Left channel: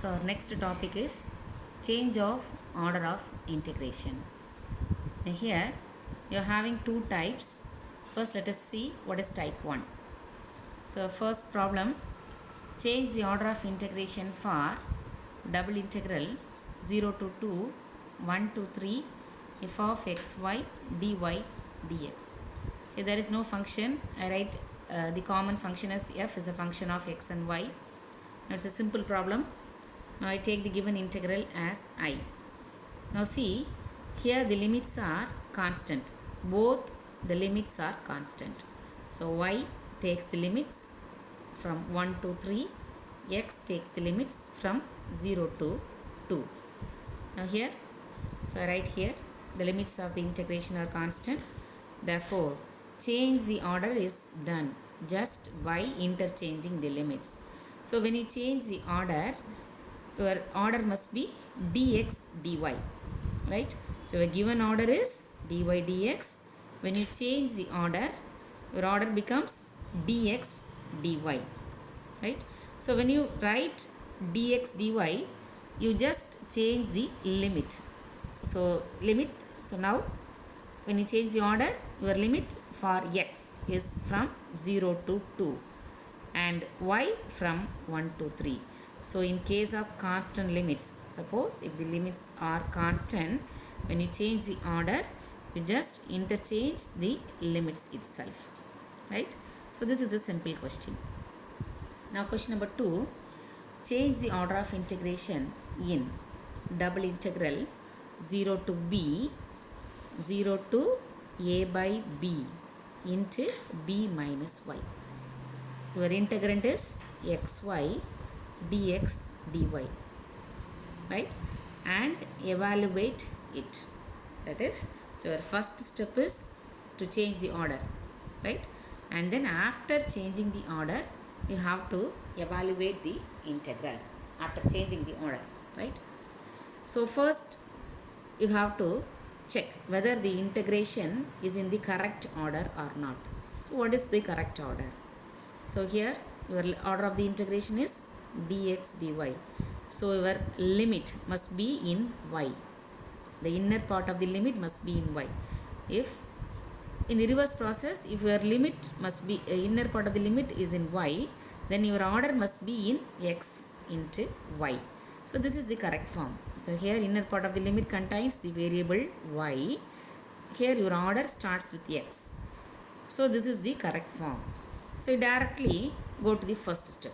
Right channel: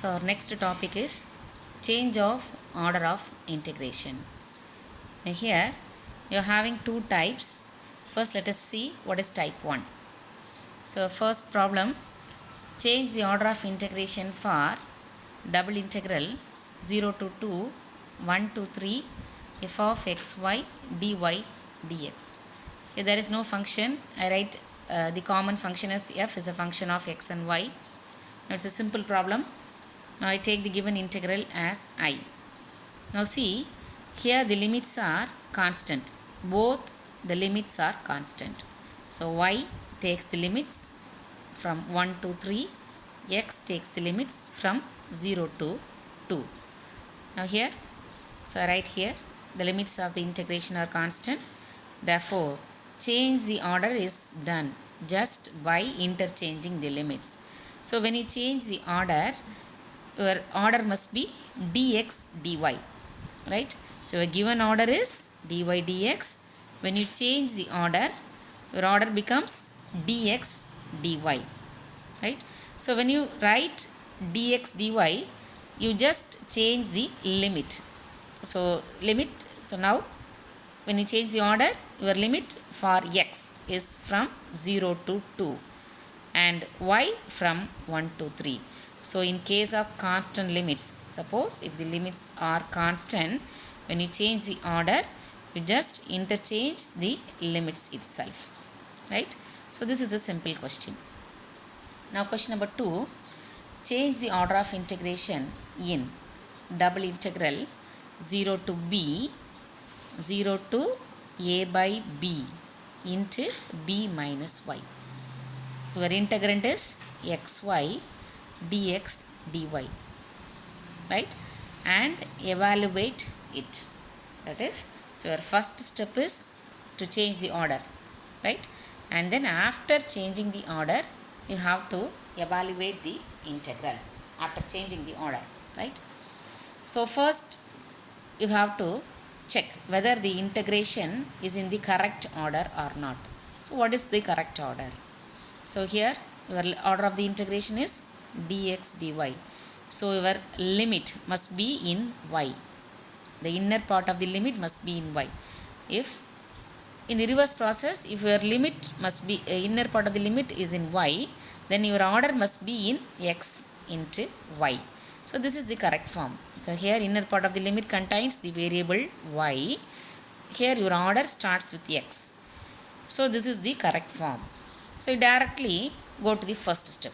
So our next topic is change of order of integration. Now here you are having two types. First let us see what is type 1. So first problem, change the order of integration for double integral 0 to 2 1 to 3 f of xy dy dx. Here there is no function. I write the common function as f is a function of x and y. Now it's a simple problem. Now I take the given integral as I. Now see, here the limits are constant. Both the limits are constant. So y takes the limits from 1 to 3, x takes the limits from 0 to 2. Now here, so I write here the limits of the integration are constant. Therefore, change the order is done just by interchanging the limits. So when you change the order, your order must be dx dy, right? So your given order is dy dx. When you change the order, your order becomes dx dy, right? So when you write dx dy, you just change the limit. So limit, so now when you change the order, your limit for x is from 0 to 2 and y from 1 to 3. So in case of constant limits, suppose if the limits are constant, when you change the order, you just interchange the limits itself, right? So this is a simple question. Now question number 2, change the order of integration in double integral 0 to b 0 to a by b into b minus y. Your integrand is xy dx dy, right? And evaluate it. That is, so your first step is to change the order, right? And then after changing the order, you have to evaluate the integral after changing the order, right? So first you have to check whether the integration is in the correct order or not. So what is the correct order? So here your order of the integration is dx dy. So your limit must be in y. The inner part of the limit must be in y. If in the reverse process, if your limit must be inner part of the limit is in y, then your order must be in x into y. So this is the correct form. So here inner part of the limit contains the variable y. Here your order starts with x. So this is the correct form. So you directly go to the first step.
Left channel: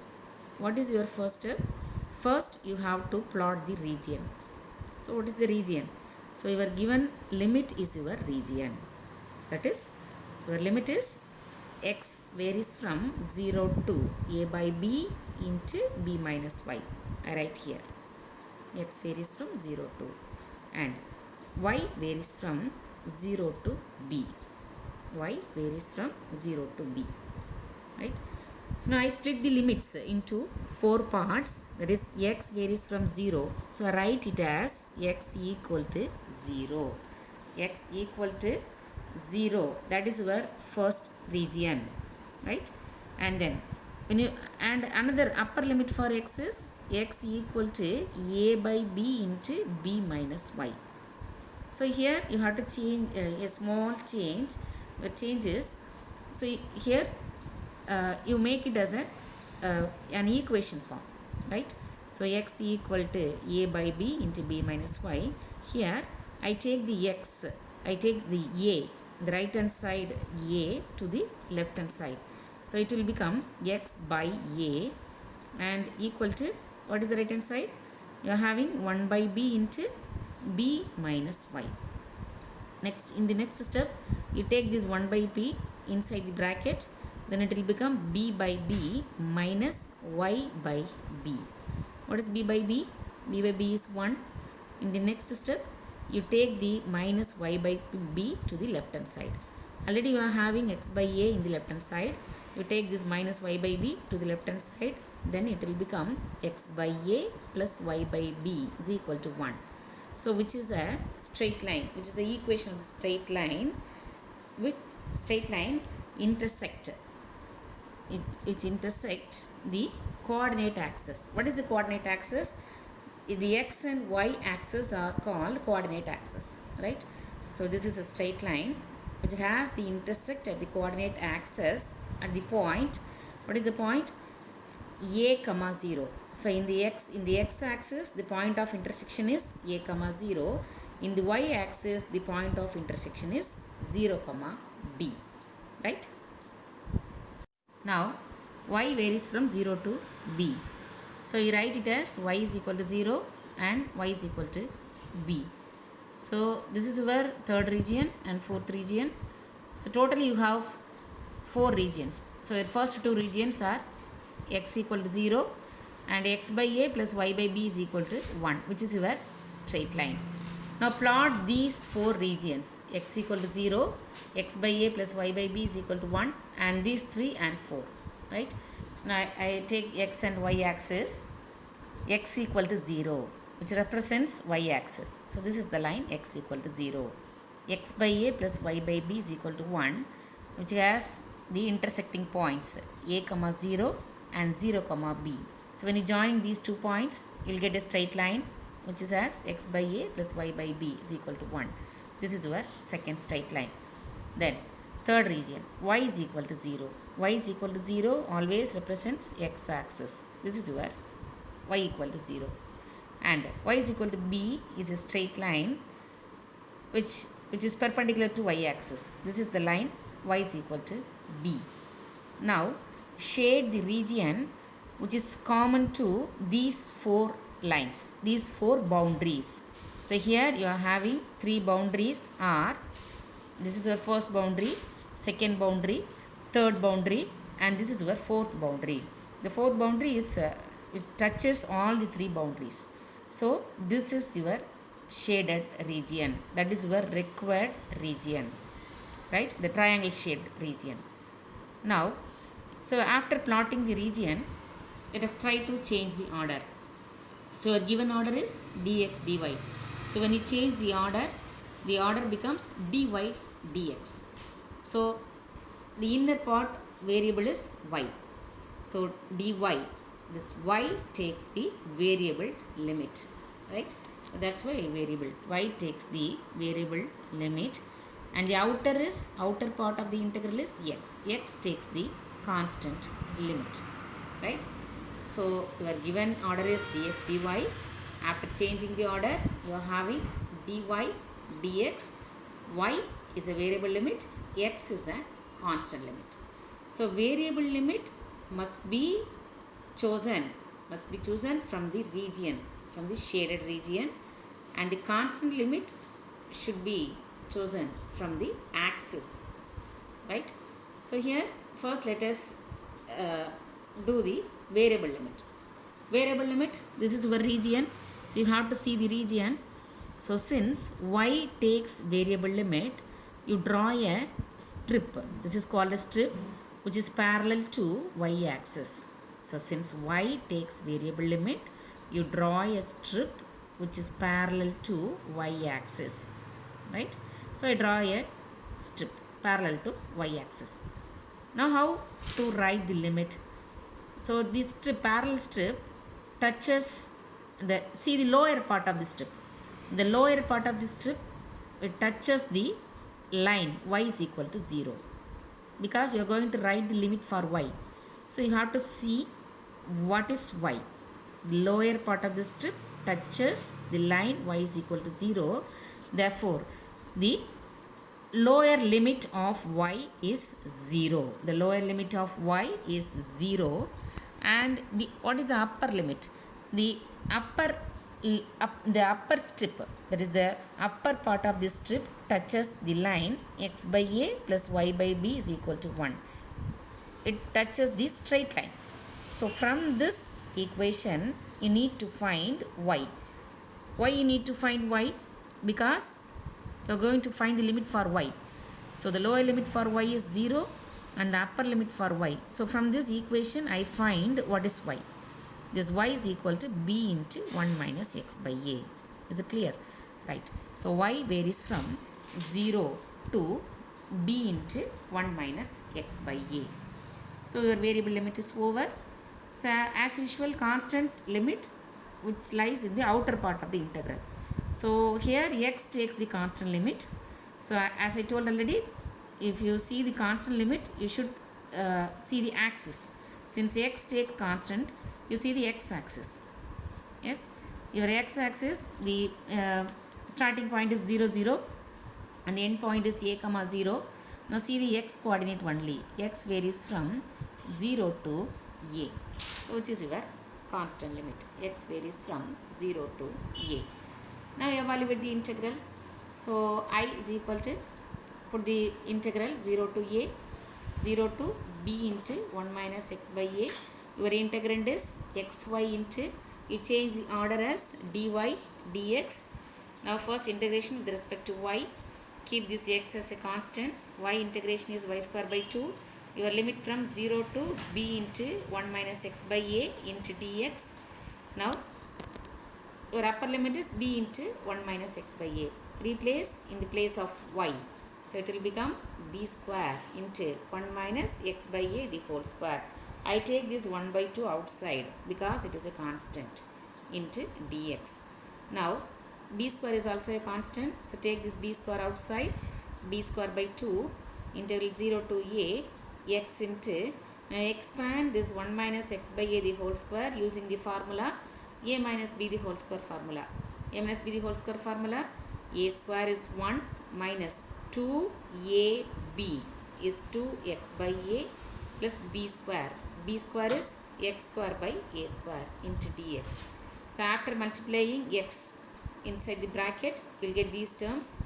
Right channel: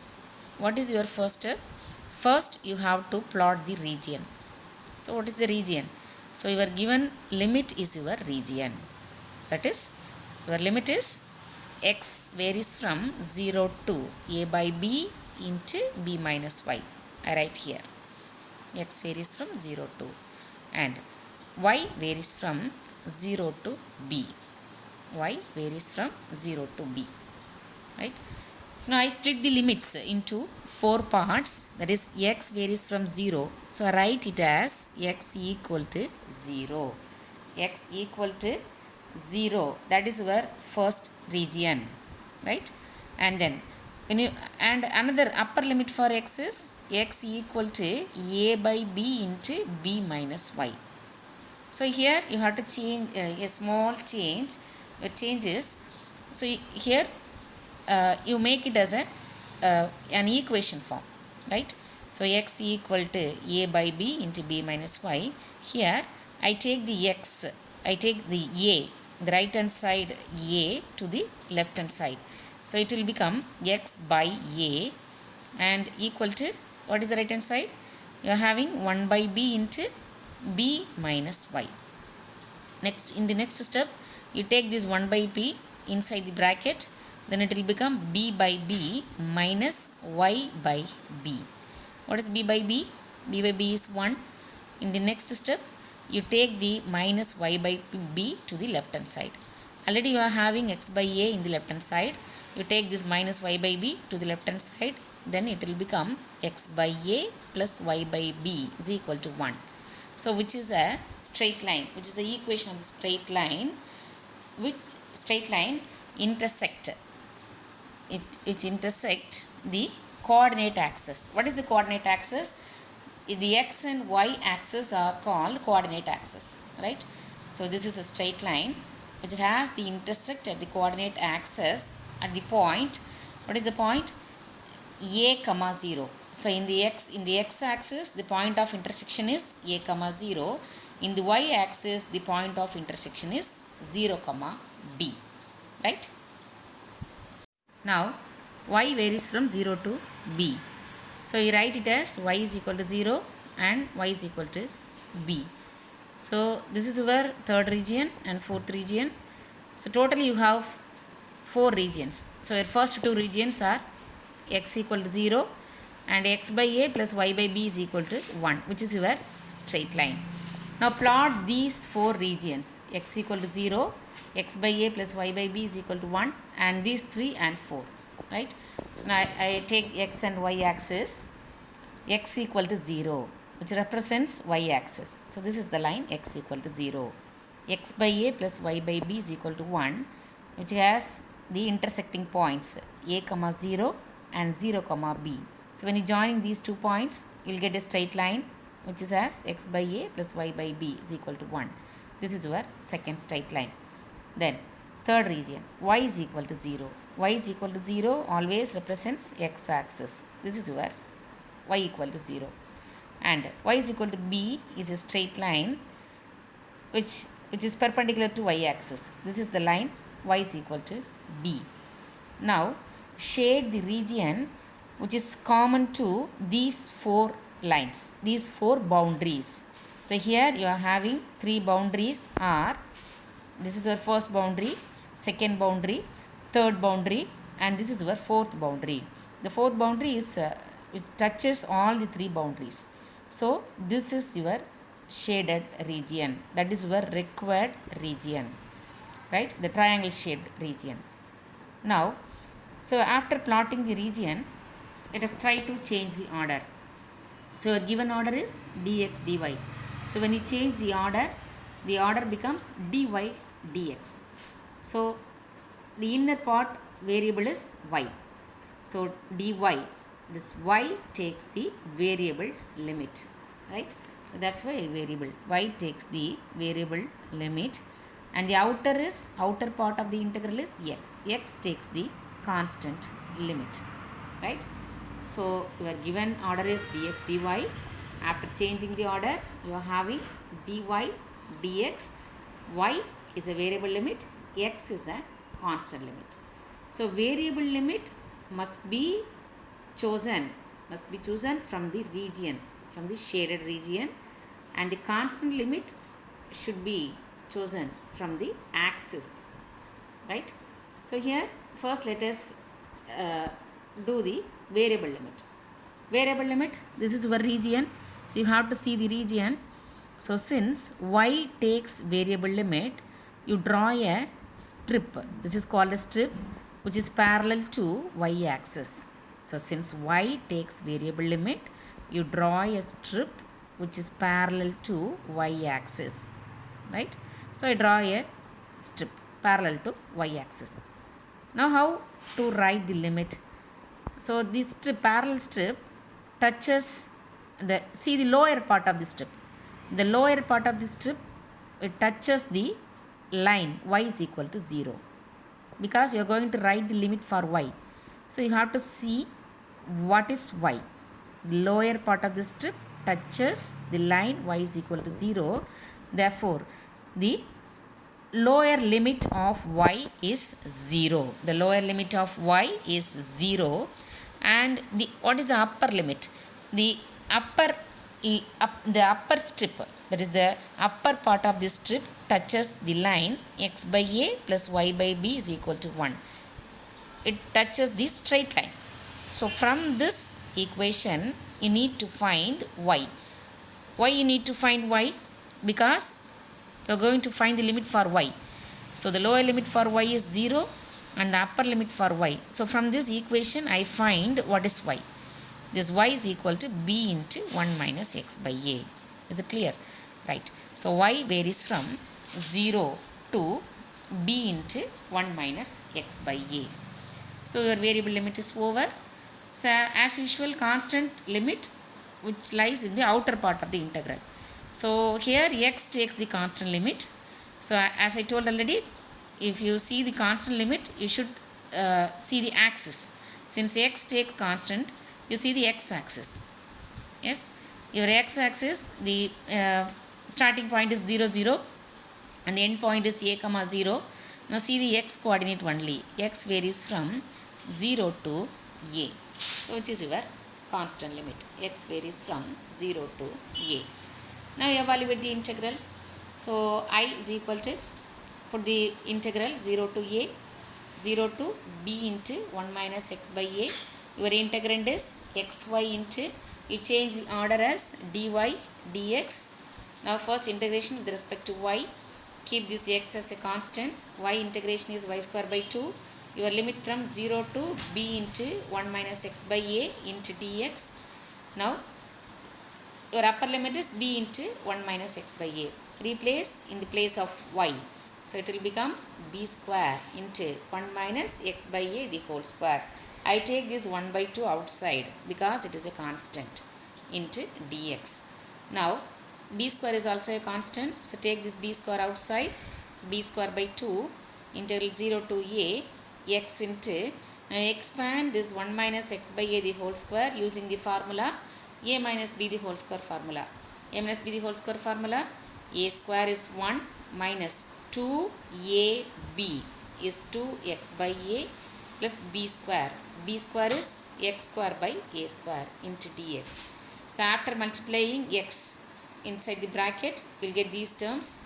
What is your first step? First you have to plot the region. So what is the region? So your given limit is your region. That is, your limit is x varies from 0 to a by b into b minus y. I write here x varies from 0 to, and y varies from 0 to b. Y varies from 0 to b, right? So now I split the limits into 4 parts. That is, x varies from 0. So I write it as x equal to 0. X equal to 0. That is your first region, right? And then when you, and another upper limit for x is x equal to a by b into b minus y. So here you have to change a small change. It changes. So here you make it as an equation form, right? So x equal to a by b into b minus y. Here I take the x, I take the a, the right hand side a to the left hand side. So it will become x by a and equal to, what is the right hand side? You are having 1 by b into b minus y. Next, in the next step, you take this 1 by b inside the bracket, then it will become b by b minus y by b. What is b by b? B by b is 1. In the next step, you take the minus y by b to the left hand side. Already you are having x by a in the left hand side. You take this minus y by b to the left hand side, then it will become x by a plus y by b is equal to 1. So which is a straight line, which is the equation of the straight line, which straight line intersect which intersect the coordinate axis. What is the coordinate axis? the x and y axis are called coordinate axis, right? So this is a straight line which has the intersect at the coordinate axis at the point. What is the point? A comma 0. So in the x axis the point of intersection is a comma 0. In the y axis the point of intersection is 0 comma b, right? Now y varies from 0 to b. So you write it as y is equal to 0 and y is equal to b. So this is our third region and fourth region. So totally you have 4 regions. So your first 2 regions are x equal to 0 and x by a plus y by b is equal to 1, which is your straight line. Now plot these 4 regions, x equal to 0, x by a plus y by b is equal to 1, and these 3 and 4, right? So now I take x and y axis, x equal to 0, which represents y axis. So this is the line x equal to 0. X by a plus y by b is equal to 1, which has the intersecting points a comma 0 and 0 comma b. So when you join these 2 points, you will get a straight line which is as x by a plus y by b is equal to 1. This is your second straight line. Then third region, y is equal to 0. Y is equal to 0 always represents x axis. This is your y equal to 0. And y is equal to b is a straight line which is perpendicular to y axis. This is the line y is equal to b. Now shade the region which is common to these 4 lines, these 4 boundaries. So here you are having 3 boundaries are, this is your first boundary, second boundary, third boundary, and this is your fourth boundary. The fourth boundary is which touches all the 3 boundaries. So this is your shaded region, that is your required region, right? The triangle shaped region. Now, so after plotting the region, let us try to change the order. So your given order is dx dy. So when you change the order becomes dy dx. So the inner part variable is y. So dy, this y takes the variable limit, right? So that's why variable y takes the variable limit, and the outer part of the integral is x takes the constant limit, right? So your given order is dx dy. After changing the order, you are having dy dx. Y is a variable limit, x is a constant limit. So variable limit must be chosen from the region, from the shaded region, and the constant limit should be chosen from the axis, right? So here first let us do the variable limit. Variable limit, this is your region, so you have to see the region. So since y takes variable limit, you draw a strip, this is called a strip, which is parallel to y axis. So since y takes variable limit, you draw a strip which is parallel to y axis, right? So I draw a strip parallel to y axis. Now how to write the limit? So this parallel strip touches the lower part of the strip. The lower part of the strip, it touches the line y is equal to 0, because you are going to write the limit for y. So you have to see what is y. The lower part of the strip touches the line y is equal to 0. Therefore, the lower limit of y is 0. The lower limit of y is 0. And what is the upper limit? The upper strip, that is the upper part of the strip, touches the line x by a plus y by b is equal to 1. It touches the straight line. So from this equation you need to find y. Why you need to find y? Because you are going to find the limit for y. So the lower limit for y is 0 and the upper limit for y. So from this equation I find what is y. This y is equal to b into 1 minus x by a. Is it clear? Right. So y varies from 0 to b into 1 minus x by a. So your variable limit is over. So as usual, constant limit which lies in the outer part of the integral. So here x takes the constant limit. So as I told already, if you see the constant limit, you should see the axis. Since x takes constant, you see the x axis. Yes, your x axis, the starting point is 0 0 and the end point is a comma 0. Now see the x coordinate only. X varies from 0 to a. So which is your constant limit. X varies from 0 to a. Now evaluate the integral. So I is equal to, put the integral 0 to a, 0 to b into 1 minus x by a. Your integrand is xy into, you change the order as dy dx. Now first integration with respect to y. Keep this x as a constant. Y integration is y square by 2. Your limit from 0 to b into 1 minus x by a into dx. Now your upper limit is b into 1 minus x by a. Replace in the place of y. So it will become b square into 1 minus x by a the whole square. I take this 1 by 2 outside because it is a constant into dx. Now b square is also a constant. So take this b square outside. B square by 2 integral 0 to a x into, now expand this 1 minus x by a the whole square using the formula a minus b the whole square formula. A minus b the whole square formula, a square is 1 minus 2ab is 2x by a plus b square. B square is x square by a square into dx. So after multiplying x inside the bracket, you will get these terms,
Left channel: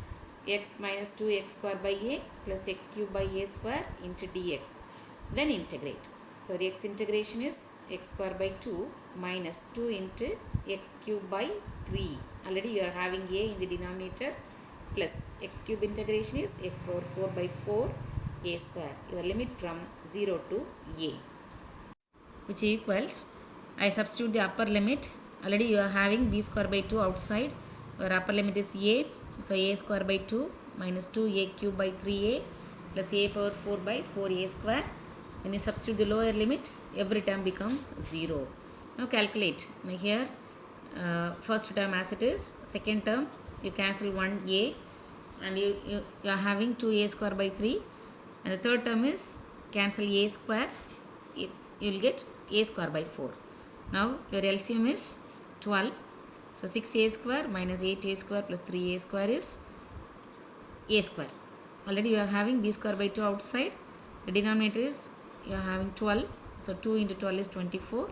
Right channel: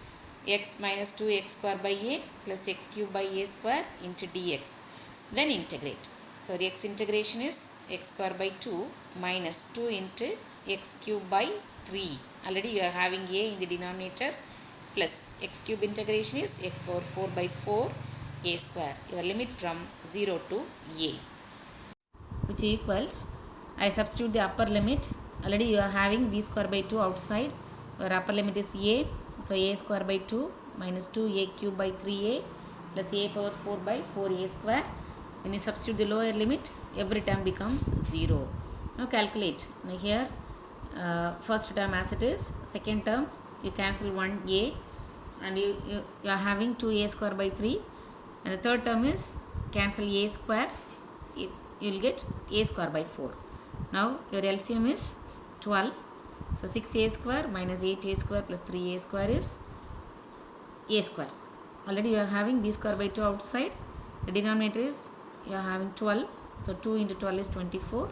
x minus 2x square by a plus x cube by a square into dx. Then integrate. So the x integration is x square by 2 minus 2 into x cube by 3. Already you are having a in the denominator, plus x cube integration is x power 4 by 4 a square. Your limit from 0 to a, which equals, I substitute the upper limit. Already you are having b square by 2 outside. Your upper limit is a. So a square by 2 minus 2a cube by 3a plus a power 4 by 4a square. When you substitute the lower limit, every term becomes 0. Now calculate. Now here first term as it is, second term you cancel 1a and you are having 2a square by 3, and the third term is cancel a square, you will get a square by 4. Now your LCM is 12. So 6a square minus 8a square plus 3a square is a square. Already you are having b square by 2 outside. The denominator is, you are having 12. So 2 into 12 is 24.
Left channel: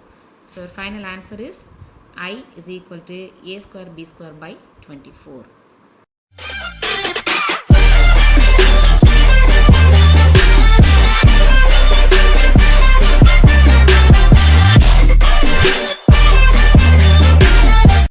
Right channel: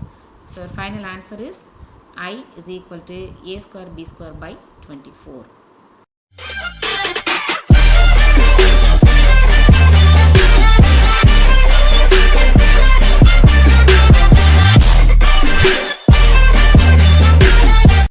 So your final answer is I is equal to a square b square by 24.